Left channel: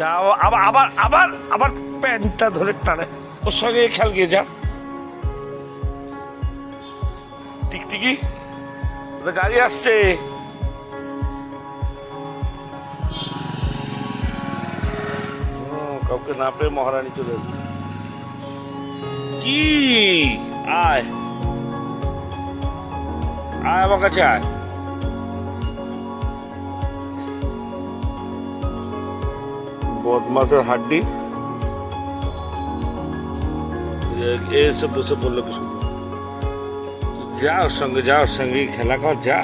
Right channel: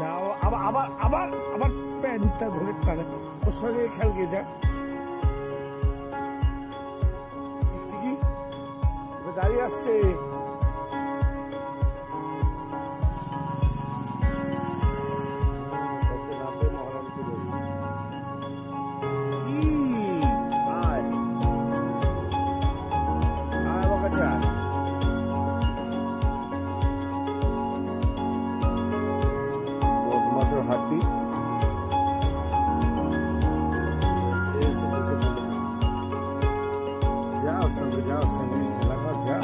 যাও, আবার আবার আবার আবার প্যান্টটা ধরে টানে। ওর সঙ্গে খেল গিয়ে যা। টিকটিকি, ওদের গাড়ি আসছে। কাউকে না পেয়ে মহারানী চলে এলো। কি আয় আয় আমার কাছে আয়। বদমাসের হাড্ডি এসে বসে বললো যা, ওর সঙ্গে যা, ওর সঙ্গে খেলা কর যা।